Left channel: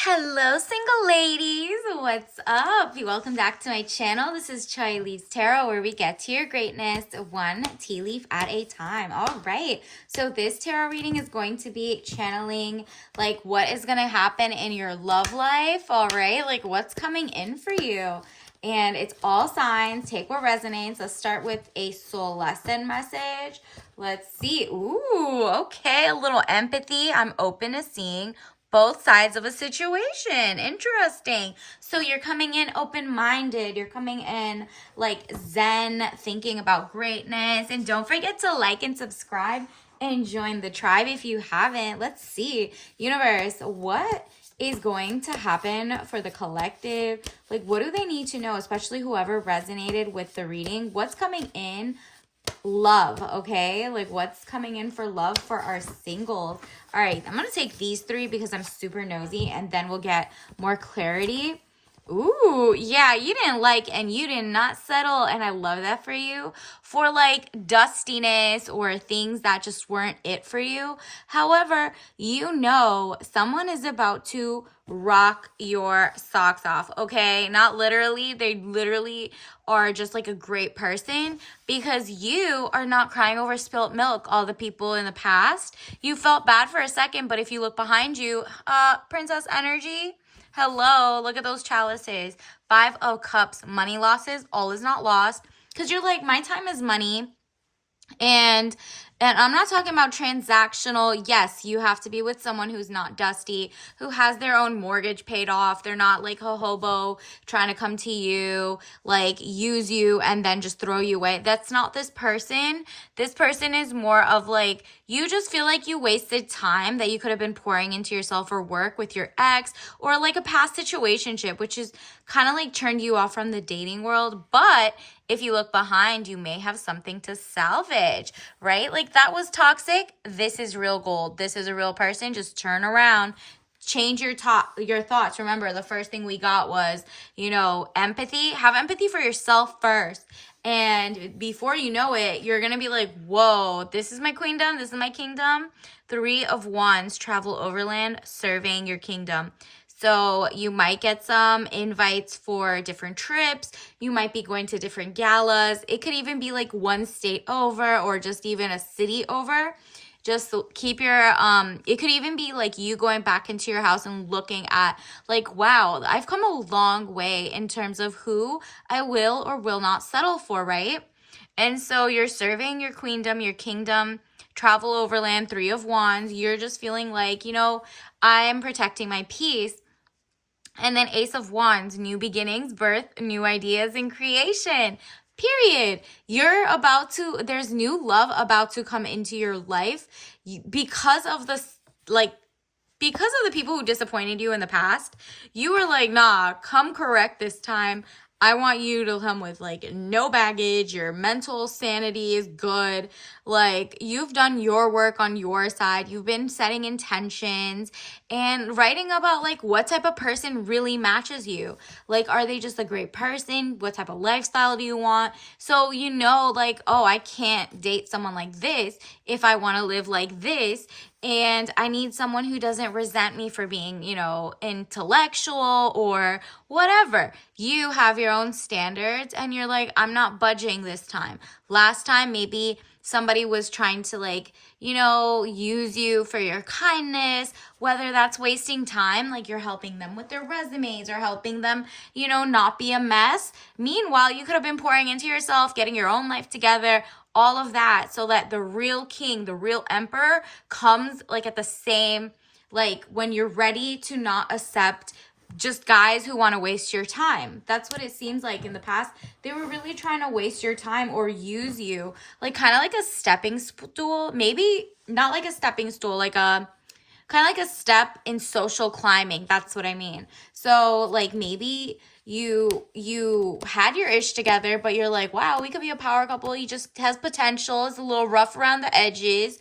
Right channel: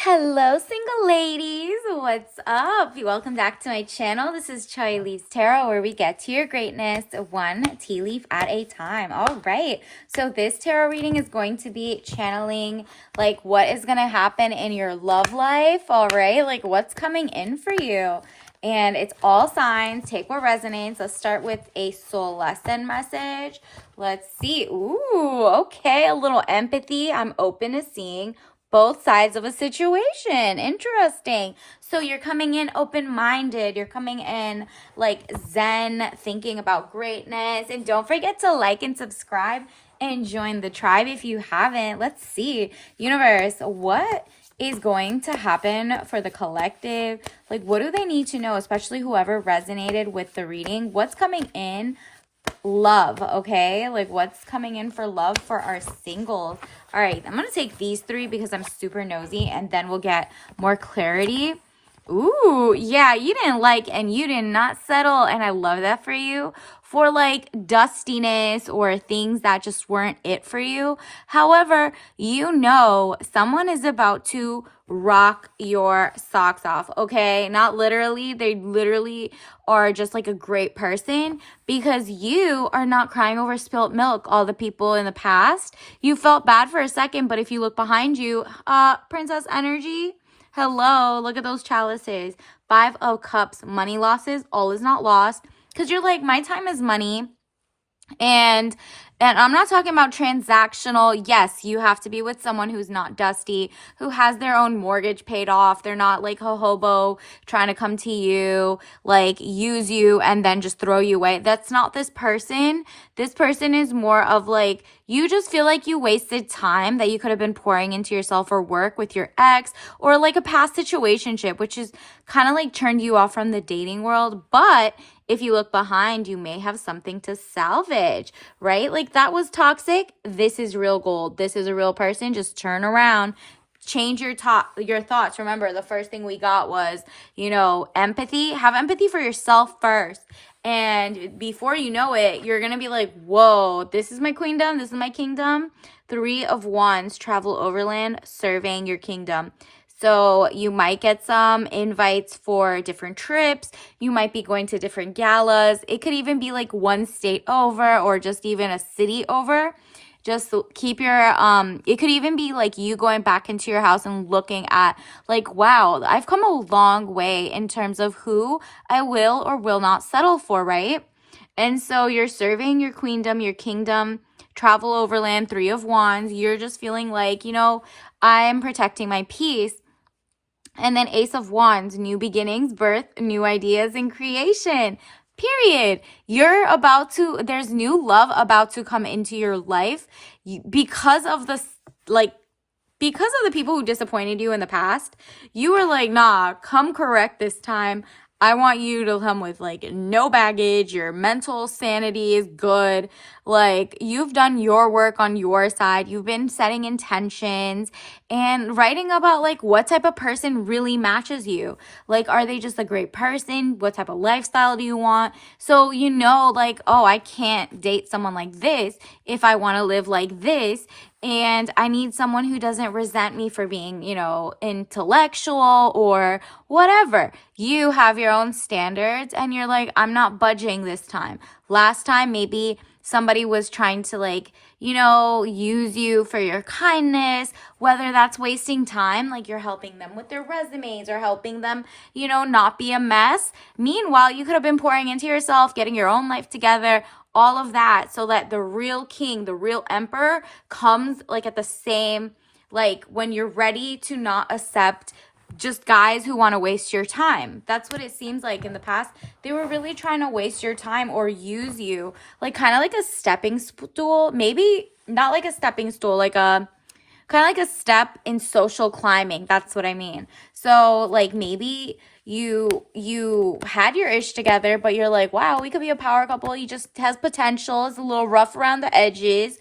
Hello, single ladies. What's up? Welcome back to my channel. This is Chai Leaves Tarot, where we get to your greatness one tea leaf at a time. All right. So this tarot reading is going to be channeling like what is going to happen in your love life. All right. Like what's coming in for you. And it's all signs. Take what resonates. Let's start with a soul lesson message. Let's see. Ooh, okay. A little empathy. I'm open to seeing both sides of a situation. Interesting. So you're coming in open-minded. You're coming in like zen, thinking about greatness. And don't forget to like and subscribe and join the tribe if you haven't. Let's see. Universe, what is going to happen for the collective? Like, what do they need to know, especially whoever resonated with the reading? What's coming in? Love, okay? Like what's coming in for love for our singles. All right, I'm gonna take these three because I'm super nosy, and then we'll get more clarity. Ooh, yeah, you didn't like and you did not settle, and I love that for you, for like dustiness or things that just weren't it for you. However, you know someone is about to rock your socks off, okay? Not literally, they literally are just like a great person, because you are not crying over spilt milk. All the people in the past, you felt bad for a second, but if you look behind you, princess energy, hello, look at those chalices. Five of Cups, money losses, all is not lost. Because you're like, my time is money. And I'm not talking about transactional. Yes, you have to be with someone who's not dusty, who has their own mortgage paid off. They're not like a hobo trying to come to you, like use you and then just throw you away. That's not this person. This person is more of like, you just feel like you wasted time that you could have been pouring into yourself or work with your ex, or like a past situationship, which is kind of like turned you off from the dating world. But if you look behind, you may have something to salvage, right? Like that was toxic. This is real gold. This is a real person. Just turn around. Change your thoughts. Remember, the first thing we got was, empathy. Have empathy for yourself first. And before you know it, you're going to be like, whoa, this is my queendom. This is my kingdom. Three of Wands, travel overland, surveying your kingdom. So you might get some invites for different trips. You might be going to different galas. It could even be like one state over or just even a city over. Just keep your, it could even be like you going back into your house and looking at like, wow, I've come a long way in terms of who I will or will not settle for, right? And so you're serving your queendom, your kingdom, travel overland, Three of Wands. You're just feeling like, I'm protecting my peace. And then Ace of Wands, new beginnings, birth, new ideas, and creation. Period. There's new love about to come into your life because of because of the people who disappointed you in the past. You were like, nah, come correct this time. I want you to come with like no baggage. Your mental sanity is good. Like you've done your work on your side. You've been setting intentions and writing about like what type of person really matches you. Like, are they just a great person? What type of lifestyle do you want? So, like, oh, I can't date someone like this if I want to live like this. And I need someone who doesn't resent me for being, intellectual or whatever. You have your own standards and you're like, I'm not budging this time. Last time, maybe somebody was trying to like, use you for your kindness, whether that's wasting time, like you're helping them with their resumes or helping them, not be a mess. Meanwhile, you could have been pouring into yourself, getting your own life together, all of that, so that the real king, the real emperor comes like at the same, like when you're ready to not accept just guys who want to waste your time. That's what it seems like in the past. They were really trying to waste your time or use you, like kind of like a stepping stool. Maybe not like a stepping stool, like a kind of like a step in social climbing. That's what I mean. So like maybe you had your ish together, but you're like, wow, we could be a power couple. He just has potential. It's a little rough around the edges.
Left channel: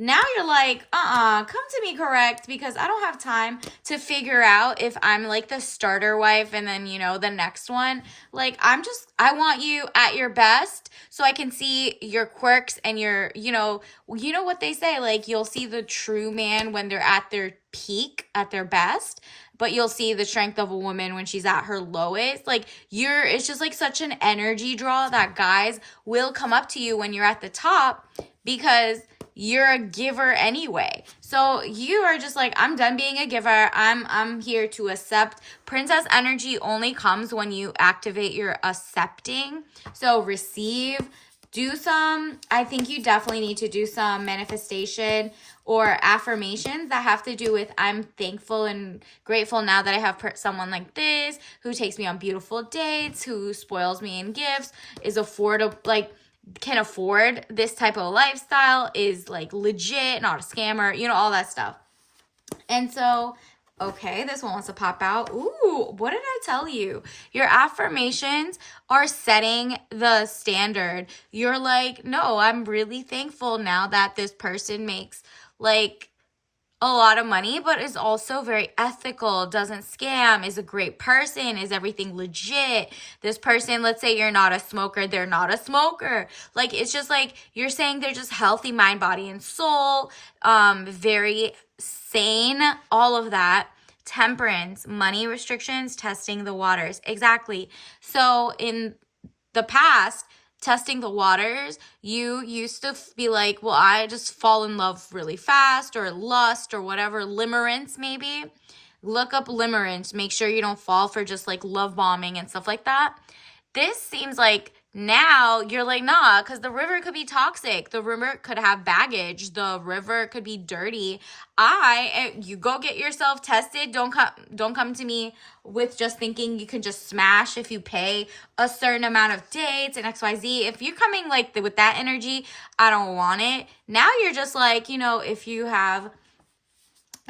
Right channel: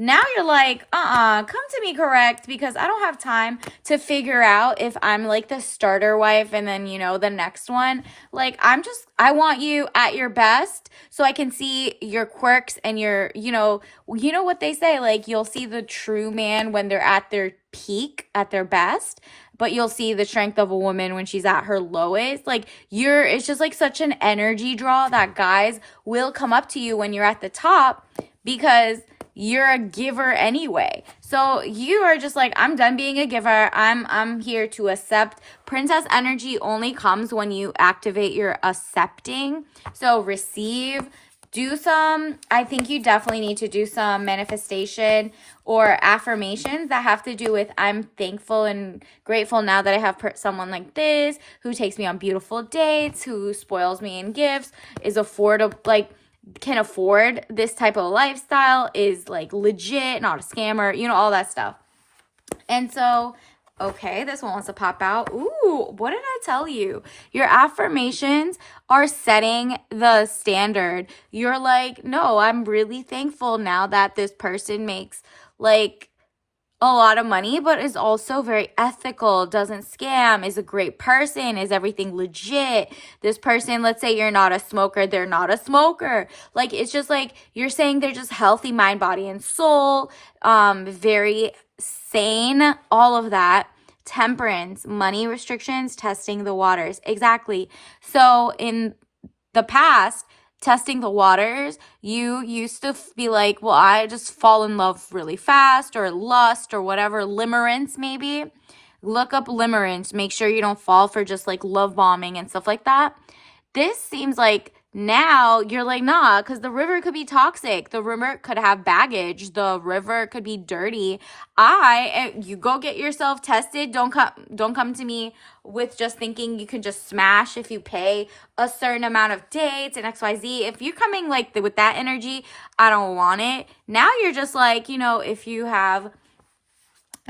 Now you're like, come to me correct, because I don't have time to figure out if I'm like the starter wife and then, the next one. Like, I want you at your best so I can see your quirks and you know what they say, like, you'll see the true man when they're at their peak, at their best, but you'll see the strength of a woman when she's at her lowest. Like, it's just like such an energy draw that guys will come up to you when you're at the top, because you're a giver anyway. So you are just like, I'm done being a giver. I'm here to accept. Princess energy only comes when you activate your accepting. So receive. I think you definitely need to do some manifestation or affirmations that have to do with, I'm thankful and grateful now that I have someone like this who takes me on beautiful dates, who spoils me in gifts, is affordable, like, can afford this type of lifestyle, is like legit, not a scammer, all that stuff. And so, okay, this one wants to pop out. Ooh, what did I tell you? Your affirmations are setting the standard. You're like, no, I'm really thankful now that this person makes like a lot of money, but is also very ethical, doesn't scam, is a great person, is everything legit. This person, let's say you're not a smoker, they're not a smoker. Like, it's just like, you're saying they're just healthy mind, body, and soul, very sane, all of that. Temperance, money restrictions, testing the waters. Exactly. So in the past, testing the waters, you used to be like, well, I just fall in love really fast, or lust, or whatever, limerence maybe. Look up limerence. Make sure you don't fall for just like love bombing and stuff like that. This seems like now you're like, nah, because the river could be toxic. The river could have baggage. The river could be dirty. You go get yourself tested. Don't come to me with just thinking you can just smash if you pay a certain amount of dates and XYZ. If you're coming like with that energy, I don't want it. Now you're just like, if you have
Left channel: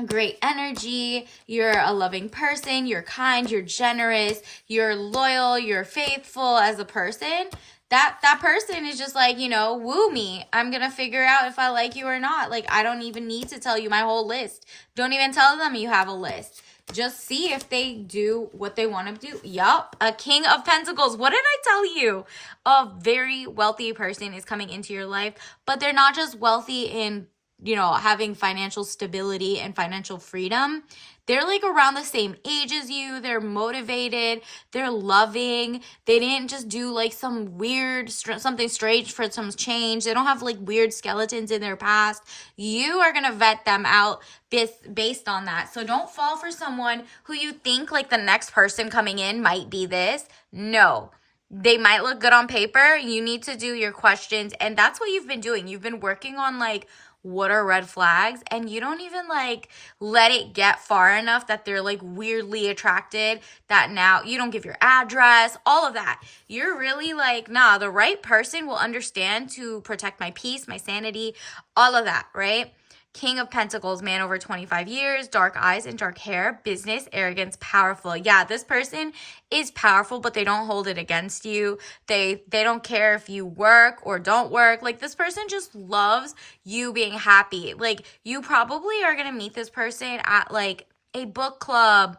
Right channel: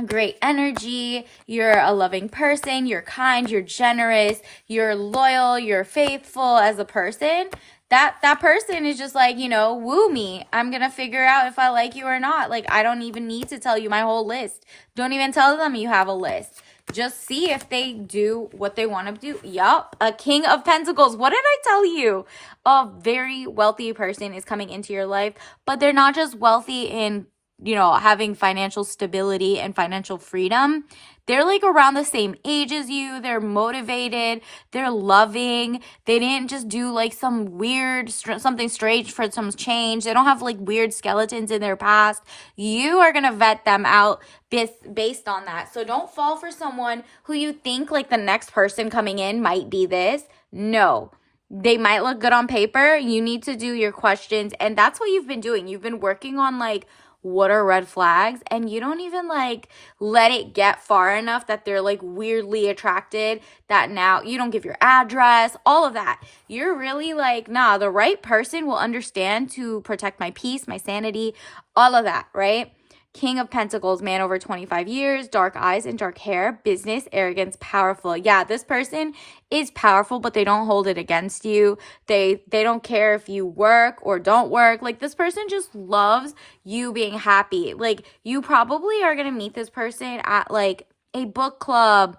great energy, you're a loving person, you're kind, you're generous, you're loyal, you're faithful as a person, that person is just like, woo me. I'm gonna figure out if I like you or not. Like, I don't even need to tell you my whole list. Don't even tell them you have a list. Just see if they do what they want to do. Yup, a King of Pentacles. What did I tell you? A very wealthy person is coming into your life, but they're not just wealthy in having financial stability and financial freedom. They're like around the same age as you. They're motivated. They're loving. They didn't just do like some weird, something strange for some change. They don't have like weird skeletons in their past. You are going to vet them out based on that. So don't fall for someone who you think like the next person coming in might be this. No. They might look good on paper. You need to do your questions. And that's what you've been doing. You've been working on like, what are red flags, and you don't even like let it get far enough that they're like weirdly attracted, that now you don't give your address, all of that. You're really like, nah, the right person will understand to protect my peace, my sanity, all of that, right? King of Pentacles, man over 25 years, dark eyes and dark hair, business, arrogance, powerful. Yeah, this person is powerful, but they don't hold it against you. They don't care if you work or don't work. Like, this person just loves you being happy. Like, you probably are going to meet this person at like a book club,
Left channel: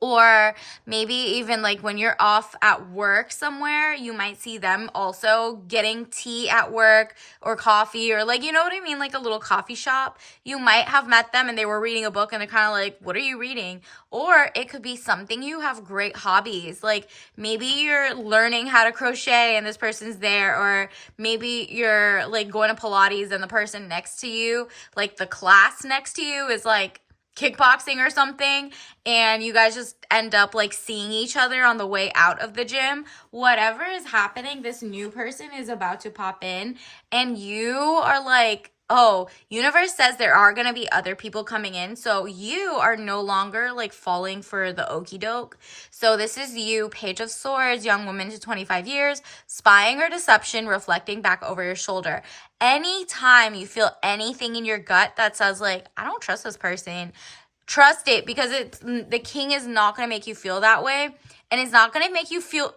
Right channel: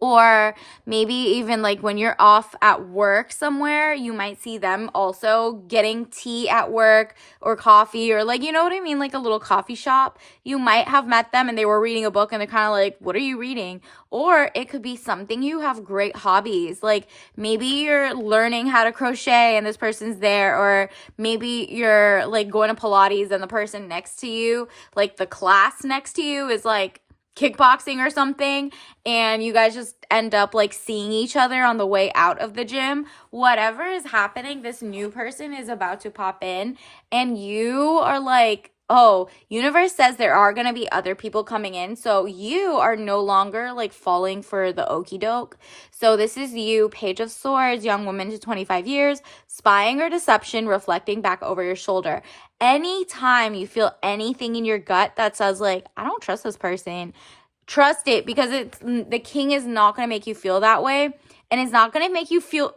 or maybe even like when you're off at work somewhere, you might see them also getting tea at work or coffee, or like, you know what I mean? Like a little coffee shop. You might have met them and they were reading a book and they're kind of like, what are you reading? Or it could be something, you have great hobbies. Like maybe you're learning how to crochet and this person's there, or maybe you're like going to Pilates and the person next to you, like the class next to you is like kickboxing or something, and you guys just end up like seeing each other on the way out of the gym. Whatever is happening, this new person is about to pop in, and you are like, oh, universe says there are going to be other people coming in, so you are no longer like falling for the okie doke. So this is you, Page of Swords, young woman to 25 years, spying or deception, reflecting back over your shoulder. Anytime you feel anything in your gut that says like, I don't trust this person, trust it, because the king is not going to make you feel that way. And it's not going to make you feel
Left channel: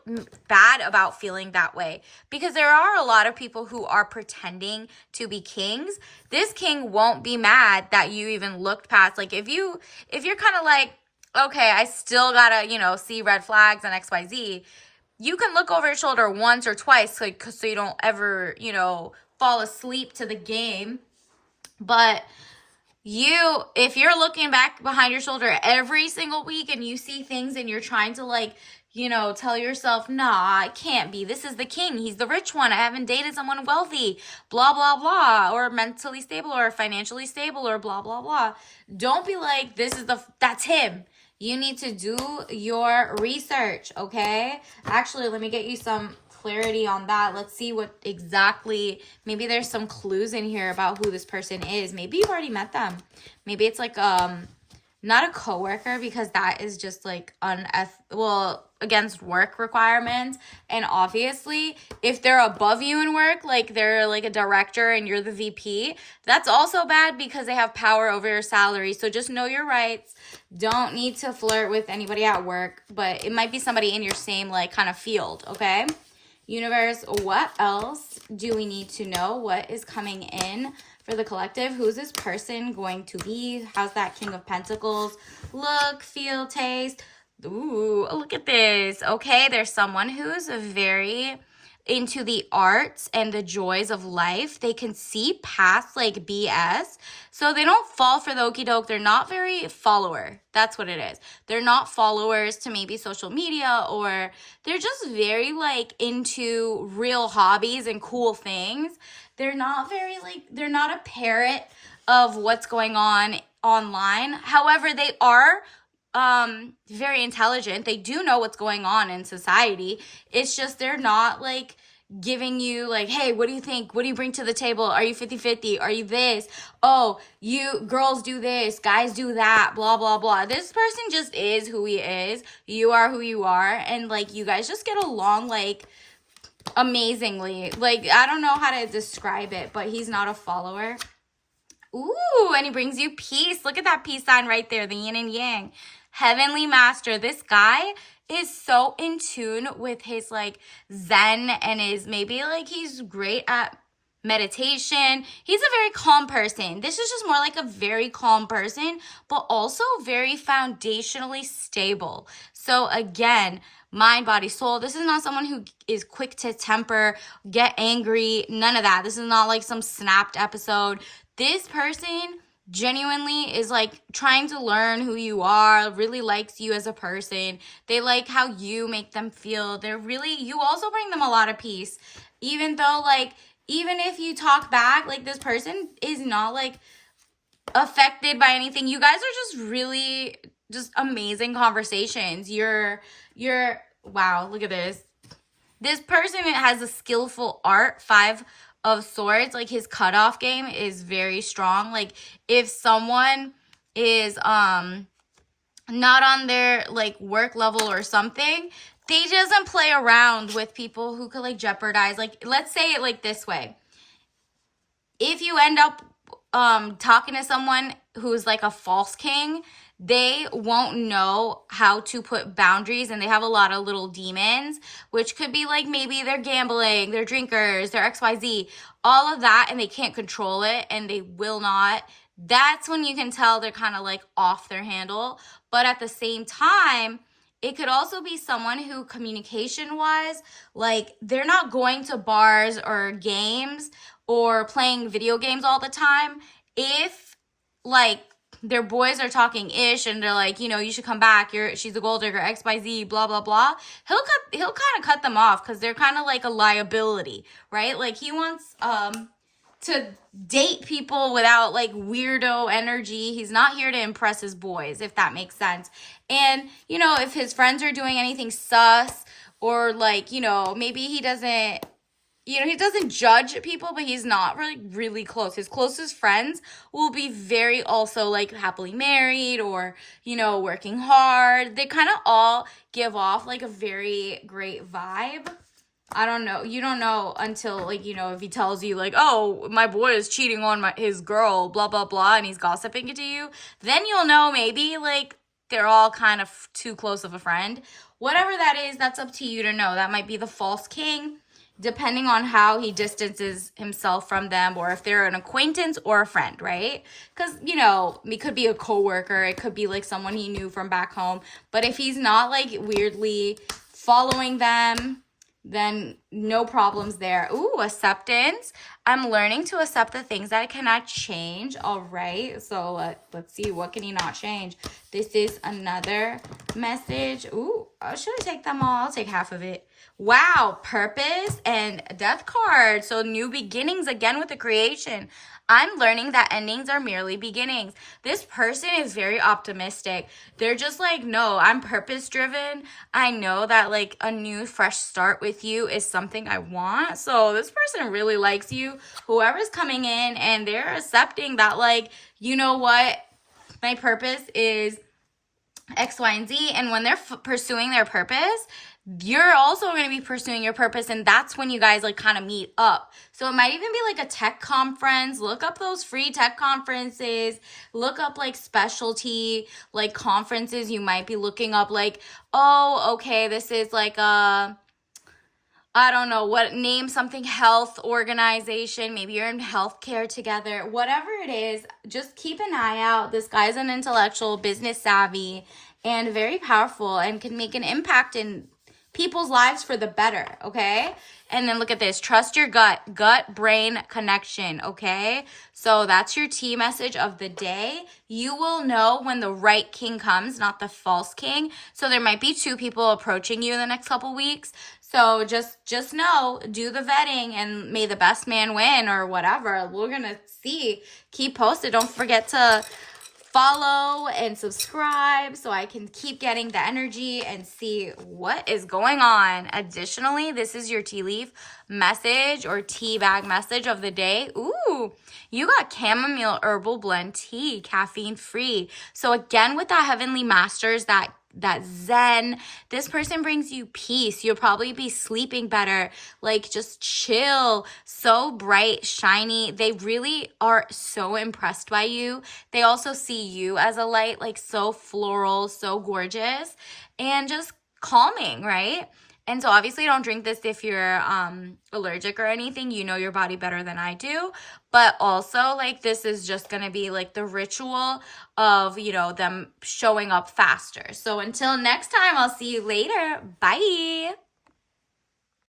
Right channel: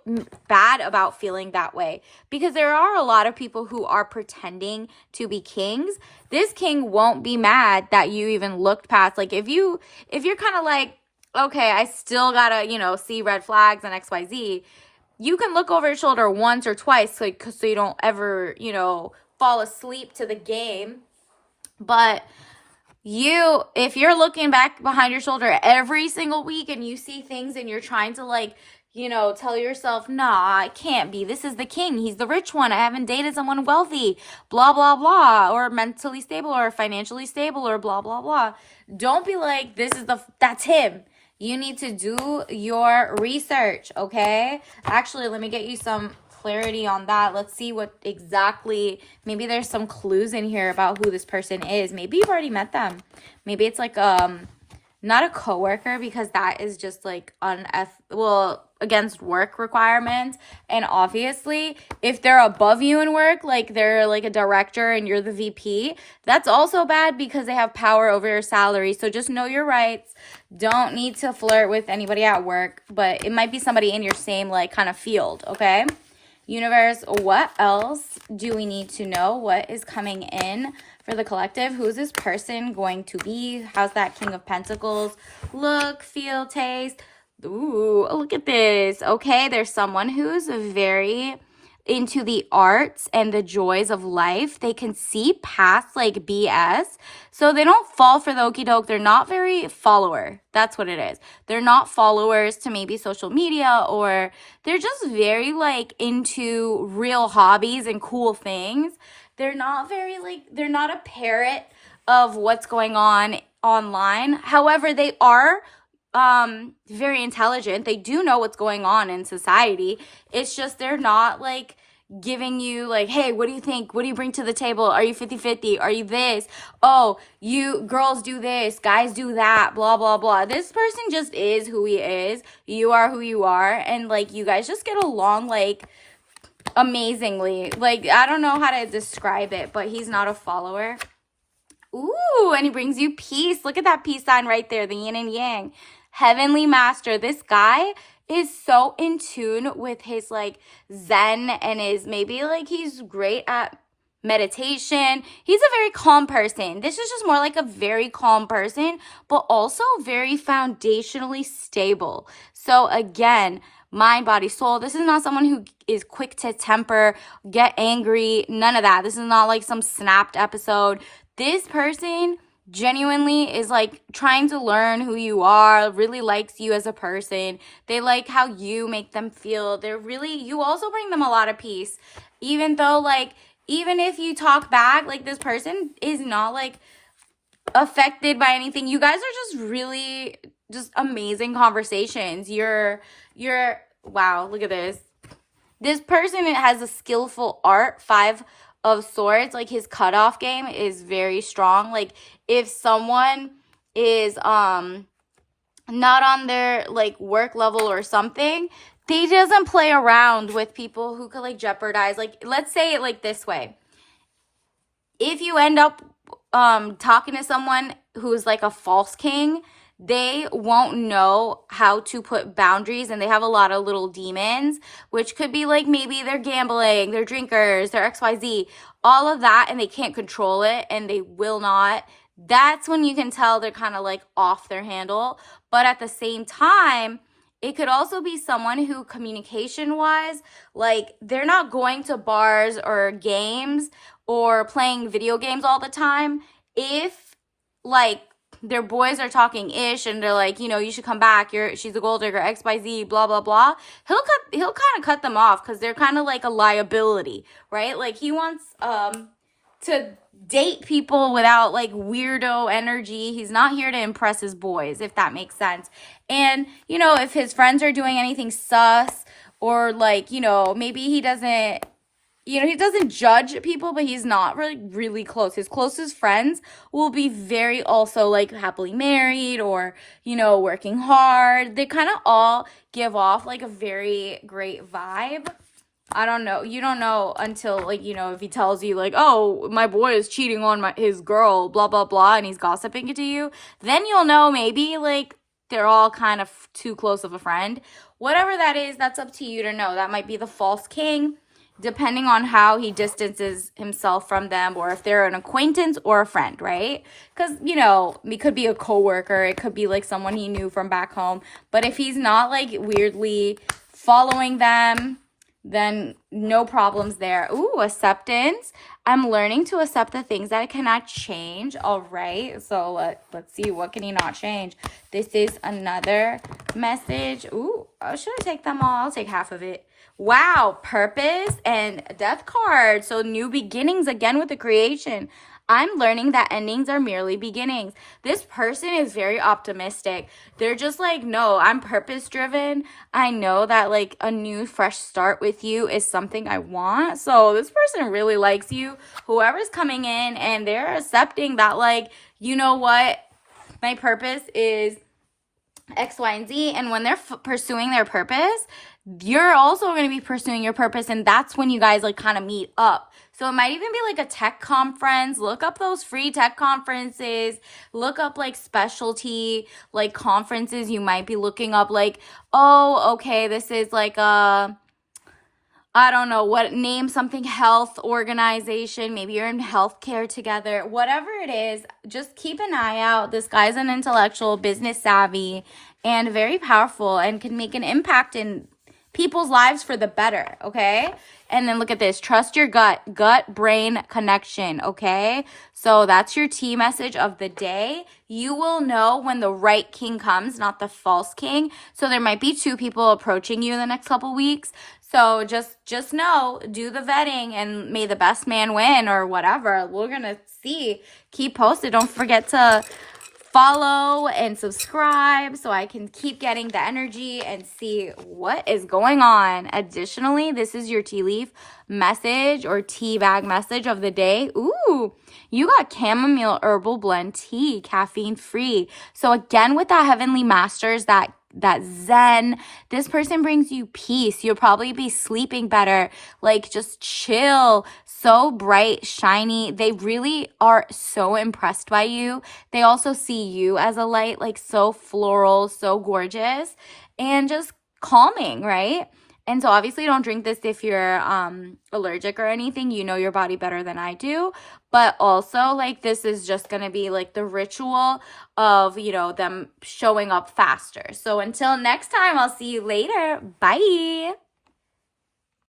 bad about feeling that way, because there are a lot of people who are pretending to be kings. This king won't be mad that you even looked past. Like if you're kind of like, okay, I still gotta, see red flags and XYZ, you can look over your shoulder once or twice, like, so you don't ever, fall asleep to the game. But if you're looking back behind your shoulder every single week and you see things and you're trying to tell yourself, nah, it can't be. This is the king. He's the rich one. I haven't dated someone wealthy, blah, blah, blah, or mentally stable or financially stable or blah, blah, blah. Don't be like, that's him. You need to do your research, okay? Actually, let me get you some clarity on that. Let's see what exactly, maybe there's some clues in here about who this person is. Maybe you've already met them. Maybe it's like not a coworker, because that is just like against work requirements. And obviously, if they're above you in work, like they're like a director and you're the VP, that's also bad because they have power over your salary. So just know your rights. Don't need to flirt with anybody at work, but it might be somebody in your same like kind of field, okay? Universe, what else do we need to know? What is coming in for the collective? Who's this person going to be? How's that King of Pentacles look, feel, taste? Ooh, look at this. Okay, there's someone who's very into the arts and the joys of life. They can see past like BS. So they don't fall for the okie doke. They're not very follower. That's what it is. They're not followers to maybe social media, or they're just very like into real hobbies and cool things. They're not they're not a parrot of what's going on online. However, they are very intelligent. They do know what's going on in society. It's just they're not like giving you like, hey, what do you think? What do you bring to the table? Are you 50-50? Are you this? Oh, you girls do this, guys do that, blah, blah, blah. This person just is who he is. You are who you are. And like, you guys just get along like amazingly. Like, I don't know how to describe it, but he's not a follower. Ooh, and he brings you peace. Look at that peace sign right there, the yin and yang. Heavenly Master. This guy is so in tune with his like Zen and maybe like he's great at meditation. He's a very calm person. This is just more like a very calm person, but also very foundationally stable. So again, mind, body, soul. This is not someone who is quick to temper, get angry, none of that. This is not like some snapped episode. This person genuinely is like trying to learn who you are, really likes you as a person. They like how you make them feel. You also bring them a lot of peace. Even though like, even if you talk back, like this person is not like affected by anything. You guys are just really just amazing conversations. Wow, look at this. This person has a skillful art, 5 of Swords. Like his cutoff game is very strong. Like if someone is not on their like work level or something, they doesn't play around with people who could like jeopardize. Like let's say it like this way. If you end up talking to someone who's like a false king, they won't know how to put boundaries, and they have a lot of little demons, which could be like maybe they're gambling, they're drinkers, they're XYZ, all of that, and they can't control it, and they will not. That's when you can tell they're kind of like off their handle. But at the same time, it could also be someone who communication-wise, like they're not going to bars or games or playing video games all the time. If like their boys are talking ish and they're like, you should come back, she's a gold digger, XYZ, blah, blah, blah, he'll kind of cut them off because they're kind of like a liability, right? Like he wants to date people without like weirdo energy. He's not here to impress his boys, if that makes sense. And, if his friends are doing anything sus, or like, maybe he doesn't, he doesn't judge people, but he's not really, really close. His closest friends will be very also like happily married or, working hard. They kind of all give off like a very great vibe. I don't know. You don't know until like, if he tells you like, oh, my boy is cheating on his girl, blah, blah, blah, and he's gossiping it to you, then you'll know maybe like they're all kind of too close of a friend. Whatever that is, that's up to you to know. That might be the false king, depending on how he distances himself from them, or if they're an acquaintance or a friend, right? Because, you know, it could be a coworker, it could be like someone he knew from back home. But if he's not like weirdly following them, then no problems there. Ooh, acceptance. I'm learning to accept the things I cannot change. All right, so let's see, what can he not change? This is another message. Ooh, should I take them all? I'll take half of it. Wow, purpose and death card. So new beginnings again with the creation. I'm learning that endings are merely beginnings. This person is very optimistic. They're just like, no, I'm purpose driven. I know that like a new fresh start with you is something I want. So this person really likes you. Whoever's coming in, and they're accepting that, like, you know what? My purpose is X, Y, and Z. And when they're pursuing their purpose, you're also going to be pursuing your purpose, and that's when you guys like kind of meet up. So it might even be like a tech conference. Look up those free tech conferences. Look up like specialty like conferences. You might be looking up like, oh, okay, this is like a, I don't know what, name something, health organization. Maybe you're in healthcare together. Whatever it is, just keep an eye out. This guy's an intellectual, business savvy, and very powerful, and can make an impact in people's lives for the better, okay? And then look at this. Trust your gut-brain connection, okay? So that's your T message of the day. You will know when the right king comes, not the false king. So there might be two people approaching you in the next couple weeks. So just know, do the vetting, and may the best man win, or whatever. We're going to see. Keep posted. Don't forget to follow and subscribe so I can keep getting the energy and see what is going on. Additionally, this is your tea leaf message or tea bag message of the day. Ooh, you got chamomile herbal blend tea, caffeine free. So again, with that Heavenly Masters, that zen, this person brings you peace. You'll probably be sleeping better, like just chill, so bright, shiny. They really are so impressed by you. They also see you as a light, like so floral, so gorgeous, and just calming, right? And so obviously don't drink this if you're allergic or anything. You know your body better than I do. But also, like, this is just going to be like the ritual of, you know, them showing up faster. So until next time, I'll see you later. Bye.